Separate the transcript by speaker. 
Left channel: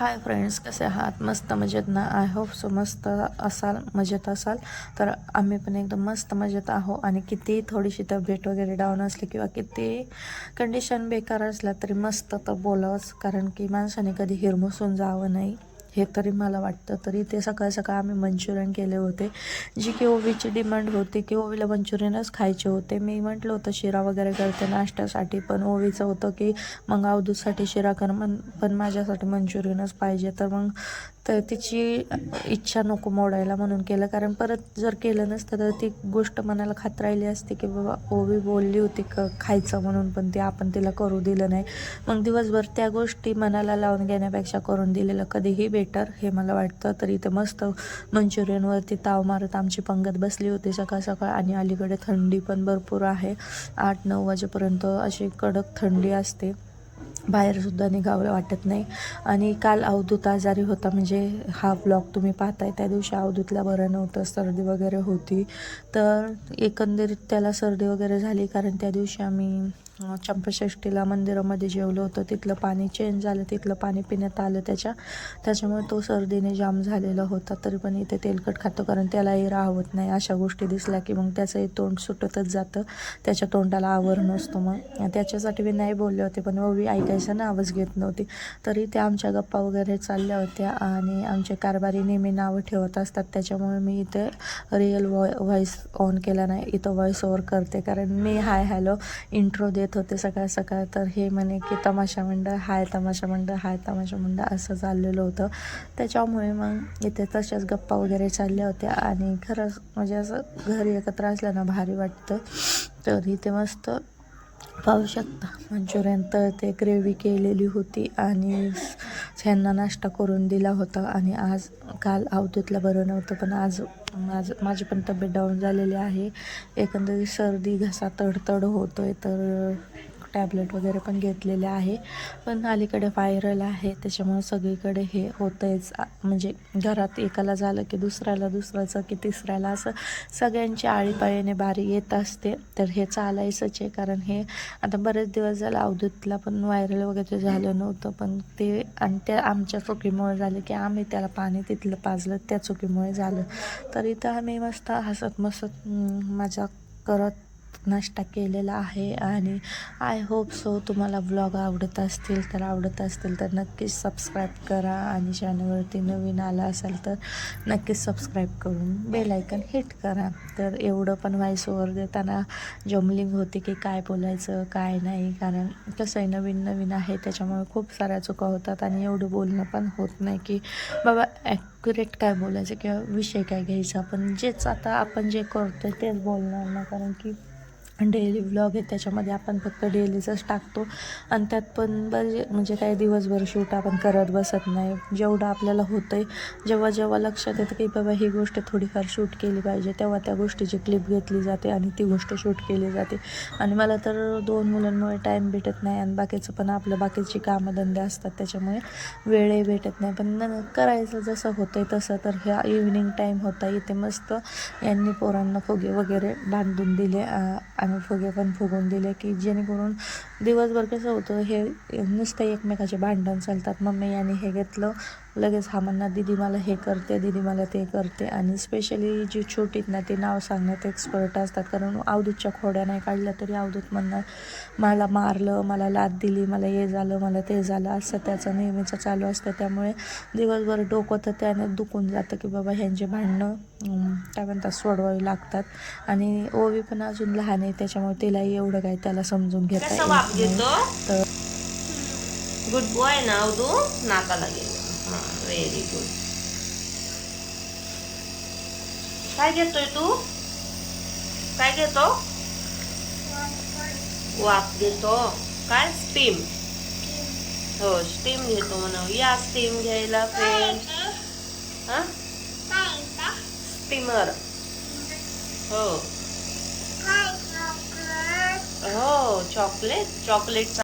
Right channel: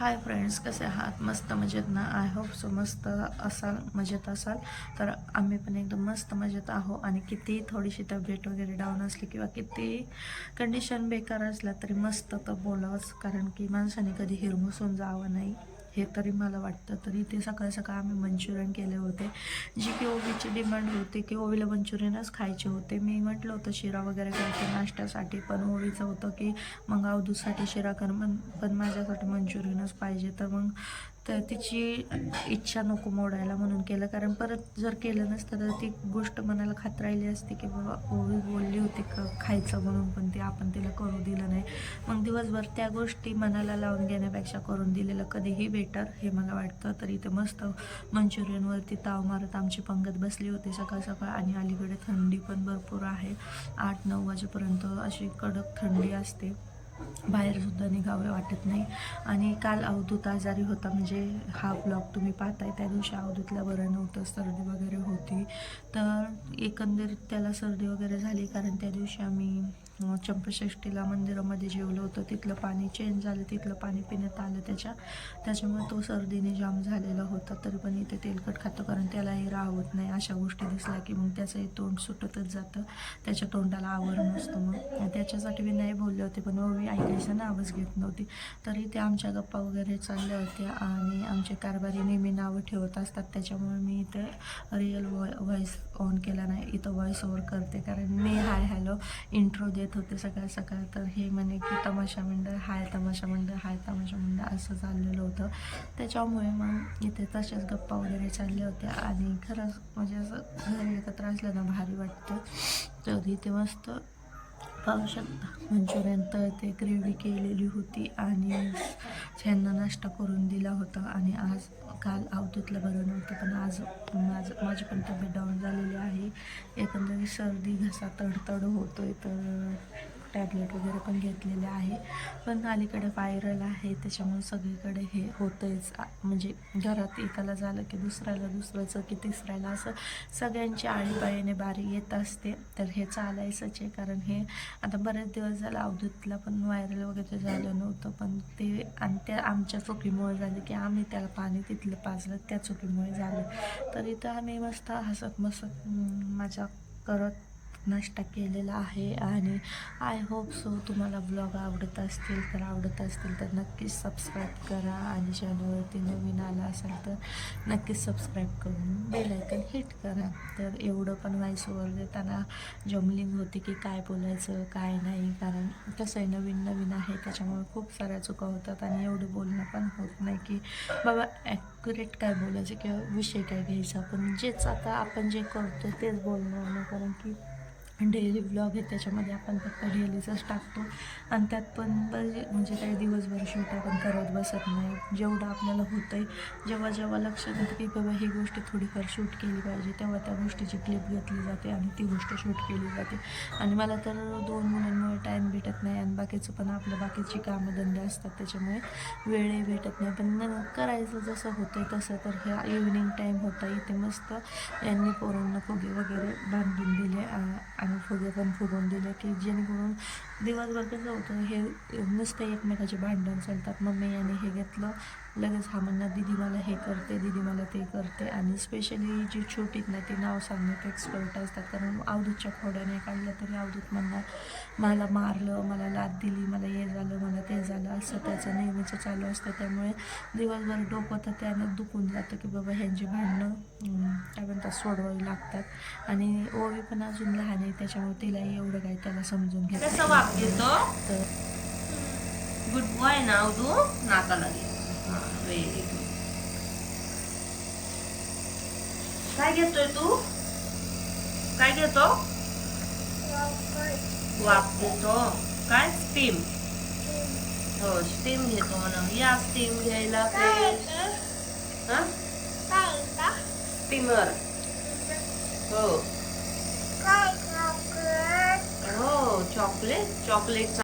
Speaker 1: Hi friends कसे आहात? मस्त मजेत ना? आय होप सो मस्त असाल मजेत असाल. तर आम्ही पण एकदम मस्त मजेत आहो. आणि किती थोडीशी तब्येत वगैरे डाऊन असली किंवा किती कंडिशन बेकार असला तरी मस्त तर बोलावंच कारण की माणसाने कधी हिरमुसून जावं नाही. हे तरी मला वाटतं. तरी ते सकाळ सकाळ आम्ही मंचुरियन केले होते. जी की ओवीची डिमांड होती की ओवीला मंचुरियनच खायचे होते. मी म्हटलं होतं शिरा वगैरे घ्यायचं नाश्त्यासाठी पण ओवीचं होतं की मग अवधूतसाठी शिरा कर मन पण माझ्यासाठी मंचुरियनच पाहिजे. तर मग तर तिची इच्छा नको मोडायला म्हणून केलं. कारण परत जर केलं नसतं तर ती गोष्ट मनाला खात राहिली असती की बाबा ओवी बोलली होती क खायचं म्हणून पण ते आपण तिला करू दिलं नाही. मग दिवसभर त्या गोष्टी मनाला लावून घेण्यापेक्षा करून दिलेलं कधीही बेटर हे मला वाटतं. तर इथे मस्त मंचुरियनवरती ताव मारत आमची पंगत बसली होती सकाळ सकाळ आणि अलीकडे थंडी पण भरपूर आहे. आठ नऊ वाजेपर्यंत अशी कडक थंडी असते. बाहेरसुद्धा निघावं वाटत नाही. आणि काल अवधूत आजारी होता म्हणजे हा ब्लॉग तुम्ही पाहताय त्या दिवशी अवधूतला बरं नव्हतं सर्दी वगैरे होती. तर एकंदरीत त्याला सर्दी वगैरे झाली कारण त्या दिवशी आम्ही चंपषष्टीला मंदिरामध्ये जेवलं होतं. तिथलं पाणी चेंज झालं तिथलं पाणी पिण्यात आलं त्याच्या त्याच्यामुळे तो सर्दीने जाम झालेला होता. तरी पण इथे तेलकट खातो कारण त्यालाही राहत नाही. अशा गोष्टी दिसल्या की मग त्याचंही तोंड सुटतच जातं. त्याच्या तोंडाला आवर नसतो मग. त्याच्यासाठी मी नाही बोलले होते पण ओवी ऐकायचं ना आवाज घेत नव्हती. तरी त्या आमच्या गप्पा वगैरे चालल्या होत्या आणि आमचे कारभारी नेहमी नावं ठेवत असतात. त्याच्यामुळे मी इथे रिअल वॉय व्हॉईस ऑन केला नाही. इथं व्हॉईस ओव्हर करते कारण मी हाय हॅलो इंट्रो देत होते सकाळ सकाळ तर हे म्हणे की तमाशा मंडळ हाय तमाशा मंडळ हाय तमाशा मंडळ असं चाललेलं होतं. त्याच्यामुळे मग इथे तशाच गप्पा वगैरे चालल्या होत्या आणि खरंच म्हणजे असं घरी एकत्र असल्यानं भारी वाटतं तर इथे मस्त पाहू शकता. मंचुरियन तर ते ग्रेव्ही केलेली होती आणि ह्यांना नाश्ता करून दिला होता आणि आज काल अवधूतला बरं नव्हतं पण आज माझं माझी पण तब्येत डाऊन झालेली आहे. एकंदरीत सर्दी घसा तडतड होतो आहे तर टॅबलेट वगैरे पण घेतलेले आहे. पण अलीकडे व्हायरल आहे. त्याच्यामुळे सगळीकडे हे होतंच म्हणजे घरात एकाला झालं की दुसऱ्याला दुसऱ्याचं की तिसऱ्याला असं सगळ्यांची आळीपाळीने बारी येत असते. तर हे चालायचंच आहे. कारण हे आता बरेच दिवस झालं अवधूतला पण व्हायरल वगैरे झालं नव्हतं. पण ते आणि त्या आमच्या चुकीमुळे झालं की आम्ही त्याला पाणी तिथलं पाजलं त्या चुकीमुळे झालं. तर इथं आम्ही मस्त हसत मसत मजा करत नाश्ता केलेला आहे आणि आय होप सो तुम्हाला ब्लॉग आवडत असतील तर आवडत असतील तर नक्कीच सबस्क्राईब करा आणि चॅनलवरती नवीन आला असाल तर नक्कीच सबस्क्राईब करून बेलायकन हिट करा. तर एवढं पण व्हॉइस ओवर देताना जमलिंग होती की काय बोलायचं काय नाही. कारण कसं आहे नवीन नवीन आहे त्याच्यामुळे खूप साऱ्या चुका होतात आणि एवढं बोलणं पण होत नाही की बाबा ॲक्युरेट काय बोलायचं किंवा विषय काय घ्यायचा. पण जेच आता आपण जे करतो तेच बोलणार ना. कारण की डेली ब्लॉग आहे त्याच्यामध्ये आपण फक्त डेलीचंच टाकतो. आणि त्यात पण बरे म्हणजे काही दिवसभर शूट आपण करत बसत नाही. जेवढं आपल्याला होतं आहे जेव्हा जेव्हा लक्षात येतं की बाबा ही गोष्ट थोडीफार शूट केली पाहिजे तेव्हा त्या गोष्टीची क्लिप घेतली जाते आणि ती गोष्ट शूट केली जाते. आणि मला तर दोन मुलांमुळे टाईम भेटत नाही आणि बाकीचं पण आपल्या बाकीची कामधंदे असतात त्याच्यामुळे वेळही भेटत नाही. पण न करायचं जसं होतं आहे तसं तर ह्या इव्हिनिंग टाईम होता इथे मस्त यांनी पोरांना फुगे वगैरे बांधून दिले आणि आणि फुगे पण फुगवून दिले की जेणेकरून दिवसभर कसं होतं हे नुसतं एकमेकाचे भांडण चालतात. मम्मी याने हे घेतलं लगेच हा म्हणणार दीदी मला हे करते दीदी मला ते करते. आणि स्पेशली जी छोटीत ना ते नाव सांगण्यात एक्सपर्ट असतात. कारण अवधूतच्या खोड्या नाही काढल्या तरी अवधूत म्हणणार मला मारलं मला लाद दिली मला हे झालं मला ते झालं. असं त्याचं नेहमीचं चालू असतं. त्यामुळे दिवसभर डोकं तर त्यानं दुखून जातं की बाबा ह्यांचे भांडणं काय म्हणतात सोडवावी लागतात. आणि ओवी पण अजून लहान आहे त्याच्यामुळे तिलाही एवढं काही त्याला समजून घेता
Speaker 2: कसं
Speaker 1: येत
Speaker 2: वाप
Speaker 1: नाही.
Speaker 2: घेतो
Speaker 1: तर
Speaker 2: गुड बॉय ना तू नाकाला गेलो. व्हेरी गुड काय घेतोय तू? काय घेतो वाफ घेतो काय स्टीम हो स्टीम घेतो म्हणून या स्टीम घ्यायला स्टीमर हो? हो. Chocolate chocolate